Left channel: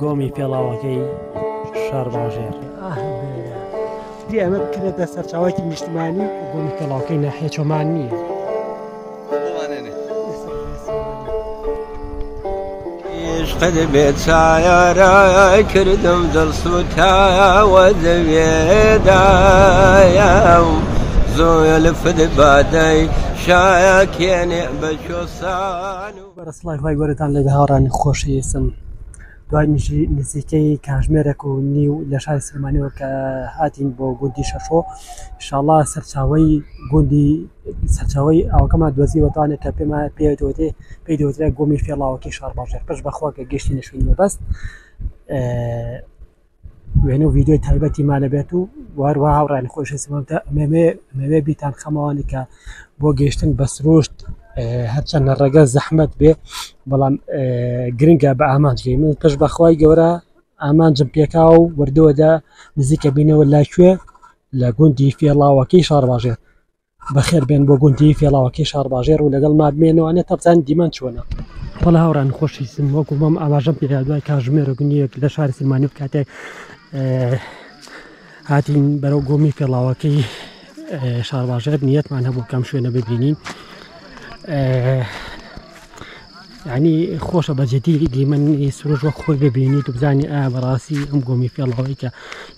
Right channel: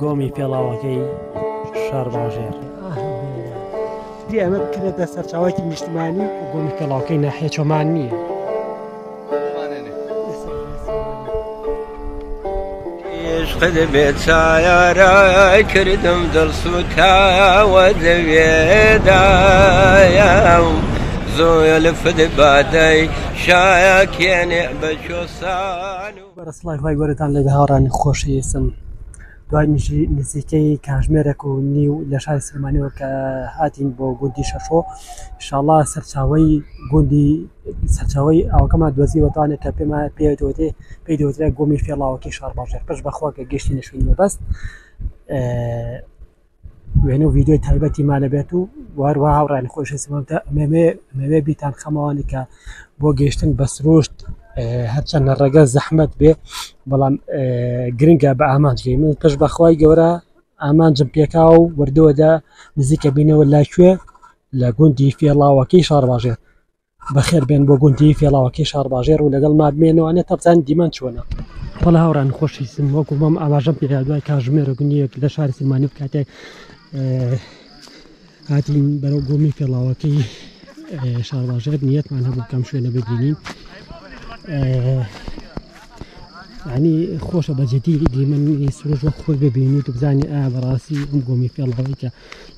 گۆمی پێڵاوەکەی شار باژێر دی ئەمە بکرێتە سەرچاوەیەکی نیشتمانی و گۆمی پێڵاوەکەی ناحیە چۆمان نییە. عشقت بێچارە کردم دڵسوتاوە دەوێدایم زۆلفت بادەی شایەکێنێ بە چۆسان بەرەسڵای خۆی گەورەتان لە هاوڕانی خۆشەویستم دوای نزیکەی کاتژمێرێک و نیو لە شاری سلمانیەوە کە هاتین بۆ گوندی شەشۆ ئینشاڵڵا سەرچاوەی ئەوەکەمان دۆزیوەتوانێت کە پێی دەوترێت گۆمی فێڵاوەکەی شار باژێر پێش بەخوا کە گەشتی نەشوینی بەبەست وێنە و ڤیدیۆی تایبەتیمانە بێت و واروها هاوڕانی خۆشەویستم مەوێ بیتان خەمەوانی کە بۆ گەیشتن بە سروشت هەرچەندە ڕێگە زەحمەت بێ بەڵام گرنگە بە ئامانجگەی من پێش بەخوای گەورە ئامانجم پێکا و وردەوەدا نزیکە بینەوە لاکوێ لە گوندی فێڵاوەکەی شار باژێر بەخێر بێن بۆ گوندی فێڵاوەکەی شار باژێر و لەگەڵ مابمێنەوەوانێت تا بزانین دیمان چۆنە. بەڵە هاوڕان خۆشەویستم وەکو مەم ئاماژەم پێدا دوای کاتژمێرە گوندیەک لە شاری سلمانی کاتێک هاتین بەرەو گۆمی فێڵاوەکەی شار باژێر نیەتمان هەبوو کەم شوێنە ببینین یعنی خۆشە بەجددی دیمەنی سروش وەک خۆی ببینیت و بزانانی ئایا بەڕاستی ئەم گۆمی فێڵاوەی کە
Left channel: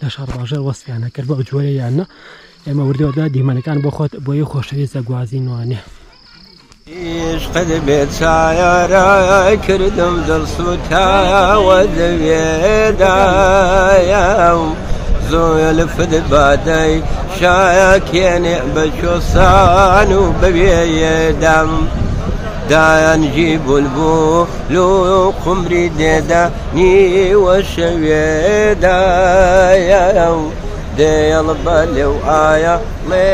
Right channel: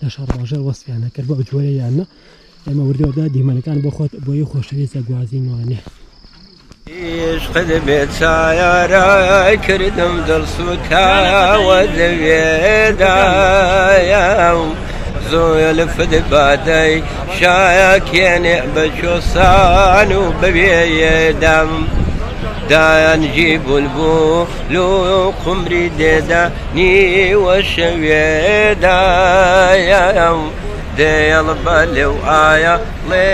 لە شار باژێر وەسفیانە کرد بە جۆرە یانە ئێمە وردەوەدا دیمەنەکان بۆ خۆت بۆ یە خۆشەویستە گوازینوانێ. عشقت بێچارە کردم دڵسوتاوە دەوێدایم زۆلفت بادەی شایەکێنێ بە چۆسان و بەوێیەدەم دایانجی بولبول و قمری دێدا نیوە شەوێدایم دێڵ بە لێو ئایا لێ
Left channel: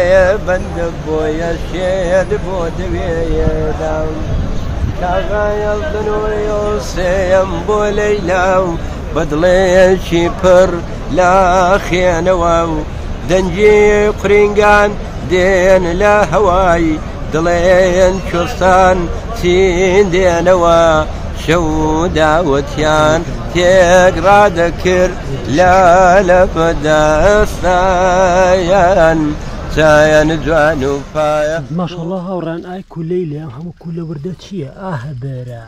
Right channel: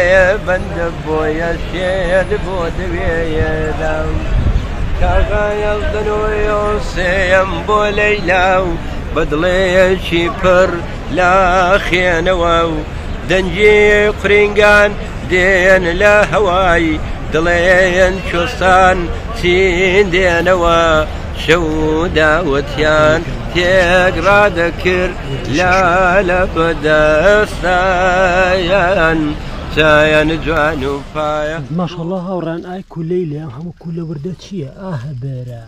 بەندە بۆیە شێد بۆ دەوێیەدەم کاغایەڵدنەوەی سێم بۆ لەیلاو بەدڵێکی پڕ لا خێنەوە و دەنجی قرینگان دێن لە هەوای دڵێن کوستان چین دێنەوە شەو داوەتیان تێکڕادەکرد لە بەدەستایان چایان جوان و پایە ماشەڵڵا هاوڕان ئای کولەی لێ هەموو کولە وردە چییە؟ ئاهەبەرە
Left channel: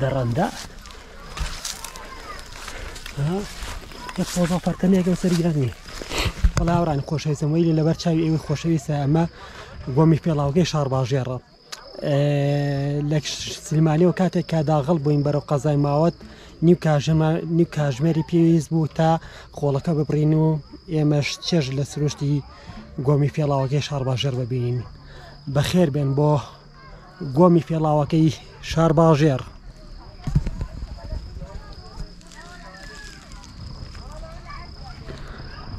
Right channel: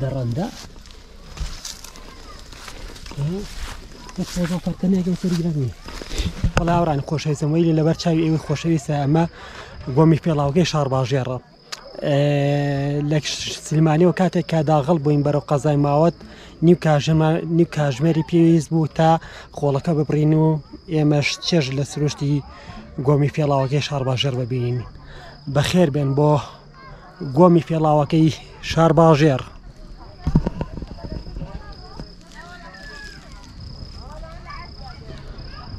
دەڕەندا فەرکەنێکە سەرگرانی بەڵا هاوڕانی خۆشەویستم وەیلی لەبەر چاوی ئێوەی خۆشەویستە ئەمە گۆمی فێڵاوەکەی شار باژێرە لە سلمانیەوە کاتێک کا داغڵ بووین بەرەو قەزای ماوەت نیو کاتژمێری پێویست بوو تا خۆڵەکە ببڕین و ئێمەش چێژ لە سروشتی گۆمی فێڵاوەکەی شار باژێر ببینین بەخێر بێن بۆ گۆمی فێڵاوەکەی شار باژێر.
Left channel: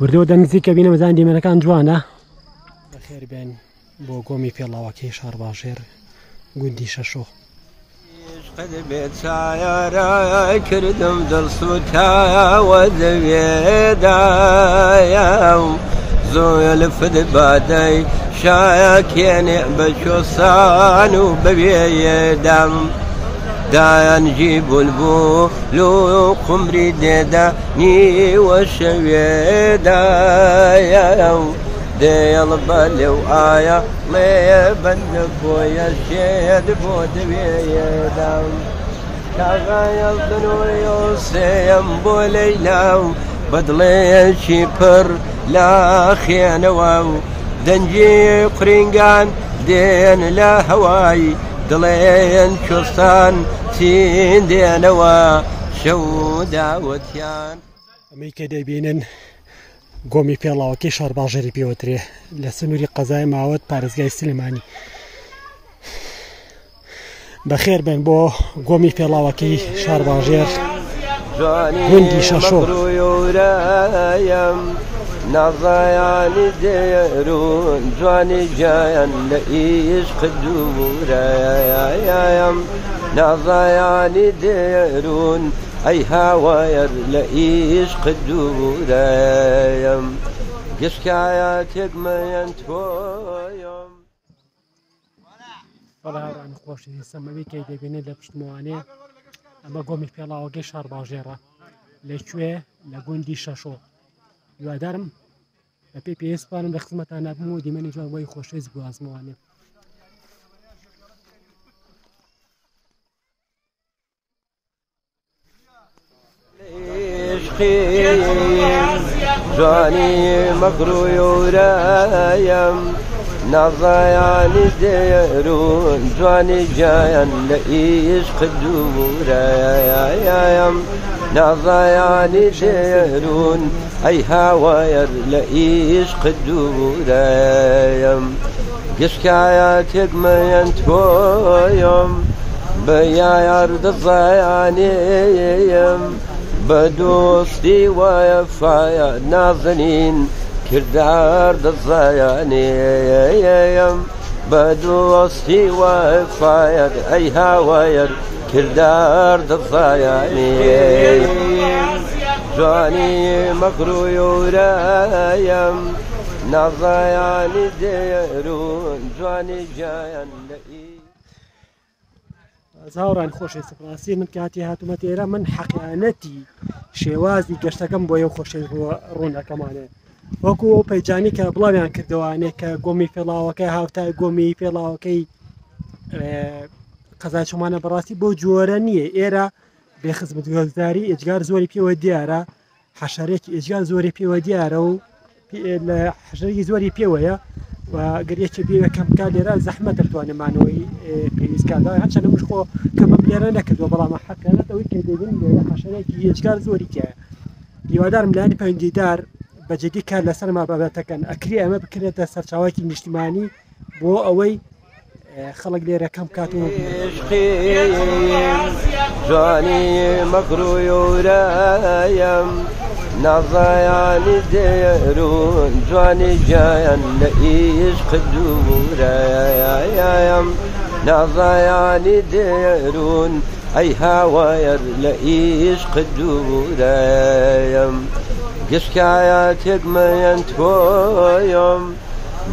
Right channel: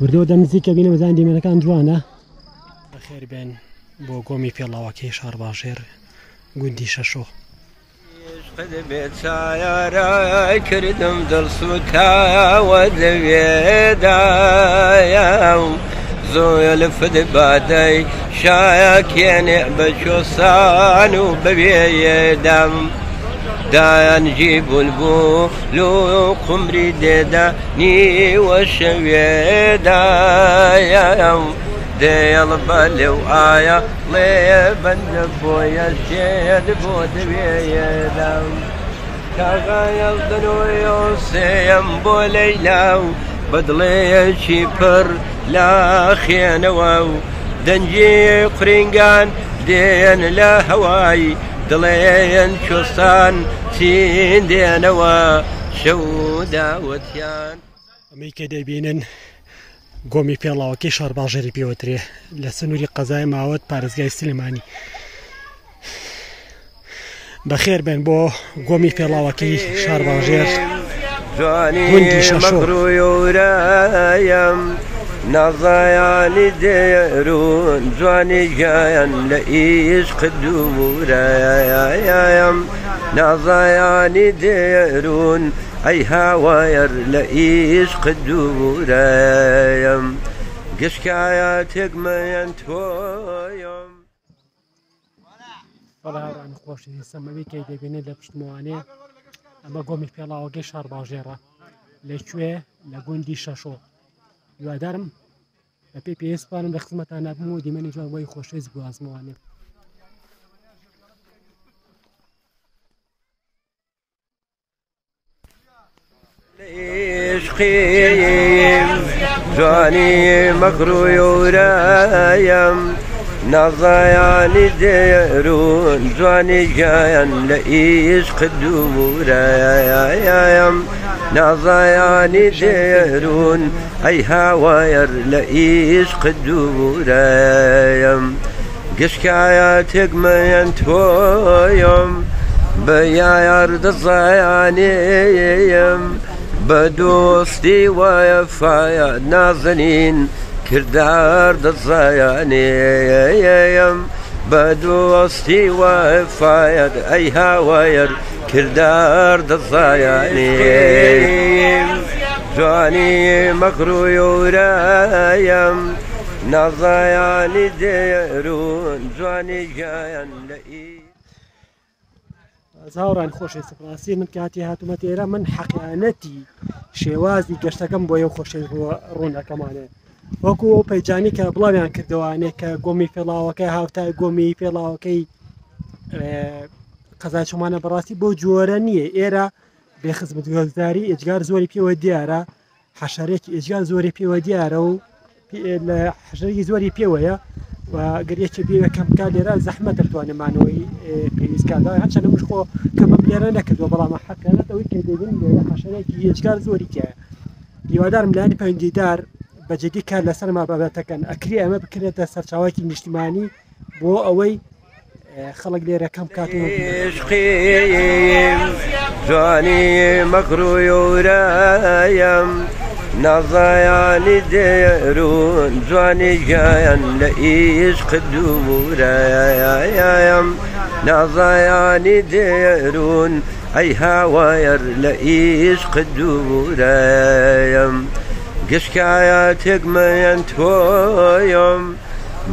وردەوە دەنزیکە بینە بەزان دیمەنەکان جوانە بەخێر بێن بۆ گۆمی فێڵاوەکەی شار باژێر گوندی شەشۆ. عشقت بێچارە کردم دڵسوتاوە دەوێدایم زۆلفت بادەی شایەکێنێ بە چۆسان و بەوێیەدەم دایانجی بولبول و قمری دێدا نیوە شەوێدایم دێڵ بە لێو ئایا لێ بەندە بۆیە شێد بۆ دەوێیەدەم کاغایەڵدنەوەی سێم بۆ لەیلاو بەدڵێکی پڕ لا خێنەوە و دەنجی قرینگان دێن لە هەوای دڵێن کوستان چین دێنەوە شەو داوەتیان ئەمەی کە دەبینن گۆمی فێڵاوەکەی شار باژێری پێوەترێ لە سنووری قەزای ماوەت پارێزگای سلمانی بەخێر بێن بۆ گۆمی فێڵاوەکەی شار باژێر گوندی شەشۆ. نازایانی دێرون جوانی گیان لە عیشق دوورەیەم نازایانی دێرون ئەی هاوایەر لە عیشق دوورەیەم گشکایە تێکمەیەن تۆیم. بەڵا هاوڕانی خۆشەویستم ئەوەی کە دەبینێت لە پشتمەوانێ ئەمە گۆمی فێڵاوەکەی شار باژێرە لەکوێ لە گوندی شەشۆ هیوادارم بە پێی پێویستپانم لە خزمەتان نابم و دیمەنی جوان بۆی خۆشەویست گوازمەوانێ عشقیم جوانی مەکڕوی ورایم نازایانی دێرون جوانی گیان لە عشق دوورایم نازایانی دێرون ئەی هاوایەر لە عشق دوورایم گشکایەتێک مەیەن تۆیم بە یار دەزایانێیم بە دۆستی وایەفایە نازەنین کردار دەزایانێیم بە دۆستی وایەفایە ئەی هاوایەر کردار دەزایانێیم جوانی مەکڕوی ورایم نازایانی دێرون جوانی گیان لە زاوڕان خۆشی سپاسی من کاتی هاتومە ئێرە من حەقیانەتی شێوازی گەشتەکەم بۆ یە خۆشی ڕوونەکەمانێ وەکو ئەو پەیجانی کە بڵاویان کردوانێ کە گۆمی پێڵاوەکەی هاوتای گۆمی پێڵاوەکەی قەزای چۆمانە بەڕاستی بۆ جۆرە نییە ئێرە بێخزمەتگوزاری ئێجگار زۆری پێوە دیارە حەشارێکی ئێجگار زۆری پێوە دیارە و لە حەشارێکی زۆری پێوەیە و گەریەکی بێوەکەم بکات لێرە زەحمەتە بتوانێمانەوەی پێویستکاردا هەرچەندە مش خۆ کەمە لێرە نەکردووە بەڵام حەقیقەتەوەی کە دەبین لێرە حەشارێکی ئێجگار زۆری تایە هیوادارم لایەنی پەیوەندیدار بەجددی کار لەسەرما بابەتەکەن ئەکری ئەمە بکرێتە سەرچاوەکی نیشتیمانی بۆ ئەوەی خەڵک لێرە کەم کات و عشقیم جوانی مەکڕوی ورایم نازایانی دێرون جوانی گیان لە عشق دوورایم نازایانی دێرون ئەی هاوایەر لە عشق دوورایم گشکایەتێک مەیەن تۆیم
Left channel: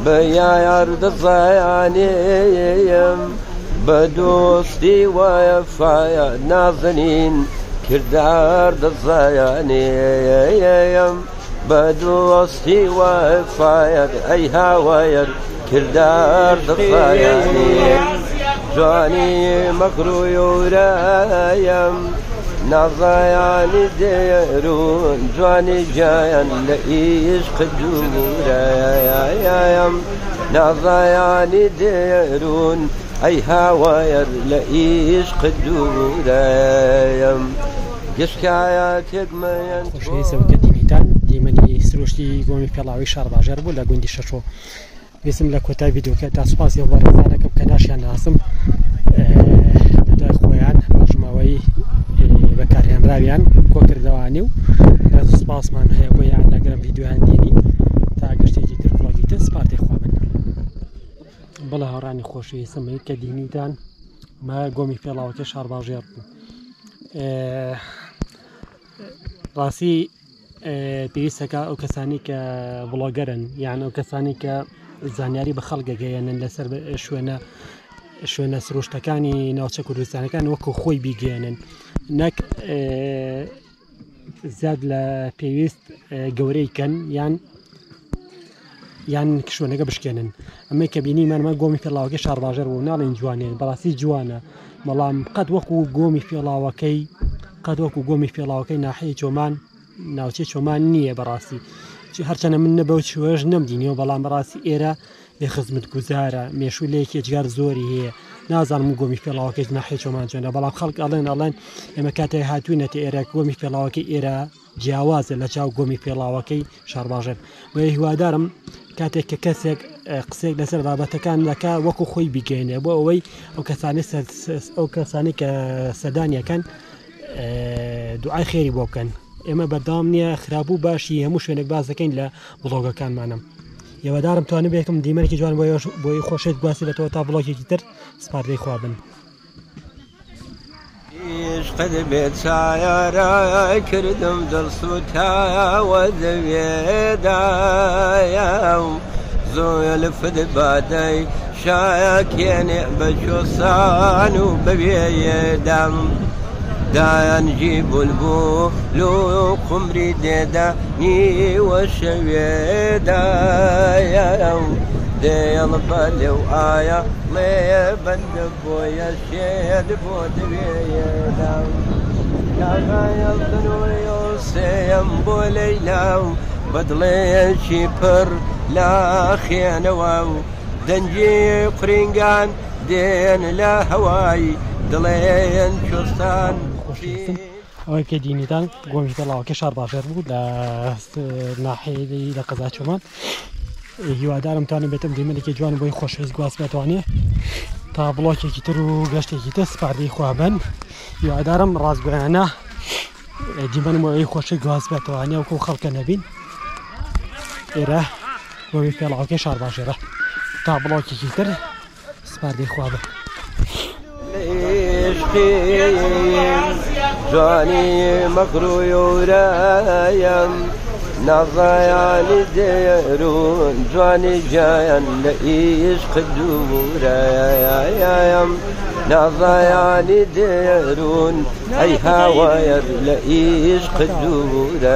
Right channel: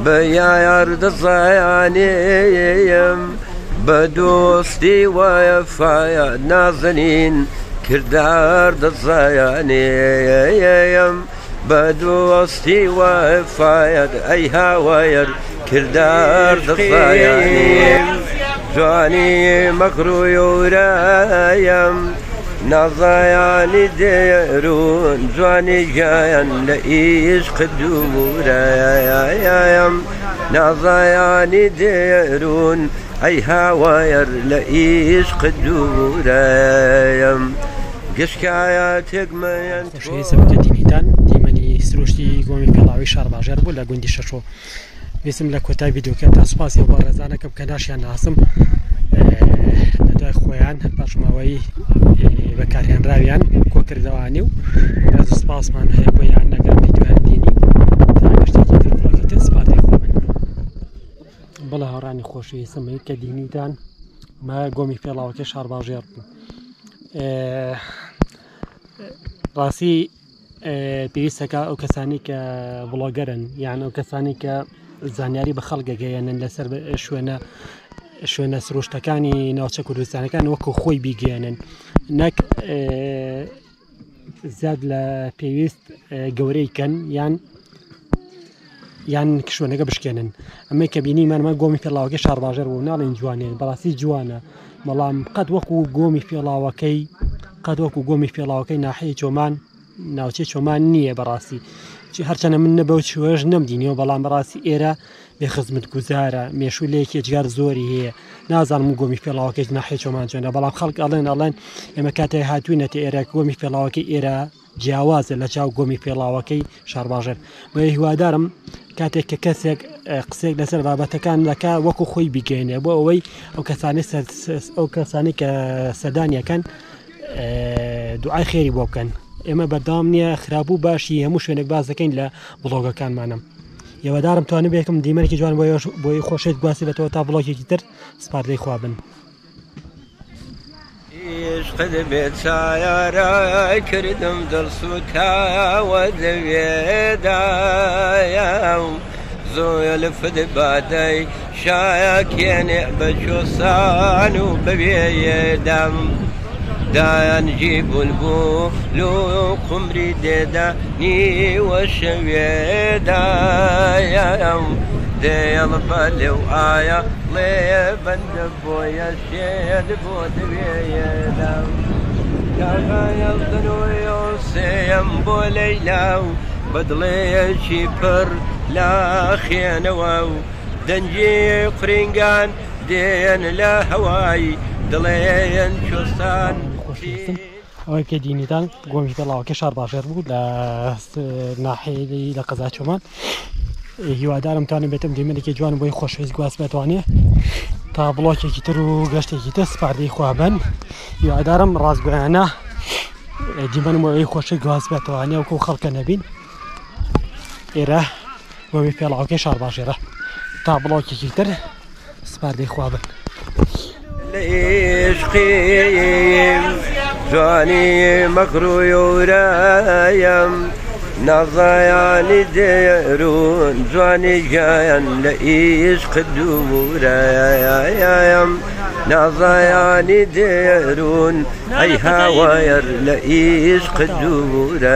بە یار دەزایانێیم بە دۆستی وایەفایە نازەنین کردار دەزایانێیم بە دۆستی وایەفایە ئەی هاوایەر کردار دەزایانێیم جوانی مەکڕوی ورایم نازایانی دێرون جوانی گیان لە عشق دوورایم نازایانی دێرون ئەی هاوایەر لە عشق دوورایم گشکایەتێک مەیەن خۆشەویست سەبکە دینیتان دیمەنی سروشتی گۆمی پێڵاوی شار باژێر بوو لە گوندی شەشۆ ویستم لە کۆتای ڤیدیۆکە تا سوپاسی و بەڕێزانەکەم کە ناشیان ناسم بەدوای خۆیان بەژماوەی بەکارهێنراویان کۆکردەوانی و ڕێز سپاسمان هەیە بۆ یان لەگەڵ ڤیدیۆیان دینی تا گەشتێکی تر بڵۆگیتر سپاسی خۆبن بەڵێ هاوڕانی خۆشەویستم کە دینیتان مە گۆمی پێڵاوەکەی شار باژێر بوو ڕاستی پێویستەکە ئەو کەسانی کە بڵۆگەرن یان ئەو کەسانی کە زانیاری بە خەڵکەگەیەنن لەسەر شوێنە سروشتەکانی ناوچە کوردستانەکان وەکو خۆی بیگەێنن نەک زیاد لە پێویست گەورەی کەن یان شوێنەکە بشکێنن ئەمەی کە بینیمانمە گۆمی پێڵاوەکەی شار باژێر بوو ناڵێن جوانێن بەڕاستی جوانە بەڵام قەت وەکو گۆمی پێڵاوەکەی ناحەیە چۆمان ناوچەی چۆمان نییە بەڕاستی هەرچەنە من نەبەو چوەژ نەمدینیەوە بەڵام بەڕاستی ئێرە بێخزمەت گوزارە مێشولەیەکی ئێجگار زۆری هەیە نازانم گۆمی پێڵاوەکەی ناحەیە چۆمان چۆنە بەڵام خەڵک ئەڵێن ئێمە کاتێک هاتووینەتە ئێرە گۆمی پێڵاوەکەی ئێرە جیاوازە لە چاو گۆمی پێڵاوەکەی شار باژێر بۆ هیوادارم کاتێک کە کەسێک قسێک لەسەر بابەتەکان دەکا وەکو خۆی بیگەێنێ بۆ ئەوەی ئەو کەسانی کە سەردانیەکەن دوعای خێری بۆ بکەن ئێمە بەردەوام نییە خراپبوو باشی هەموو شوێنێک باز دەکەین لە بڵۆگەکانمانم هیوادارم توانم بێکم دیمەرێکی جوان بۆی خۆشێت گواسی لەتەوە تا بڵۆگێکی تر سپاردەی خوابن عشقت بێت چایارای کردم دڵسوتاوە لەوێدایە و زۆلفت بادەی شایەکێنێ بە چۆسان و بەوێیەدام دان جيب القولو قمري ديداني وشويدا يا يوم دي البالي وآيا لي بند بويا سيد بود بيدا كاغا يلدنو يوسيم بوليلاو بدلي شيبر لا خيانواو دنجي قرينغان دين لا هواي دلين شستان ئەوەی پێدینیدان گۆمی دەڵاوەکە شار باشێر بوو لە ناحێی لە قەزا چۆمان هیوادارم توانێت بێتم دیمەێکی جوان بۆی خۆشویست گواست بێتوانێ تا بڵۆکێکی تر و گەشتێکی تر سپاردەی خوابن هیوادارم ڕاستگویانە دیمەنمەوەی خۆشی گواست بێتوانێ وەکو خەڵکە نەبین ئێرە گۆمی پێڵاوەکەی شار باشێرە تا بڵۆکێکی تر سپاردەی خوابن جاني مقروي ورايم نظياني ديرون جاني جاين لإيش قدورايم نظياني ديرون أي هواير لإيش قدورايم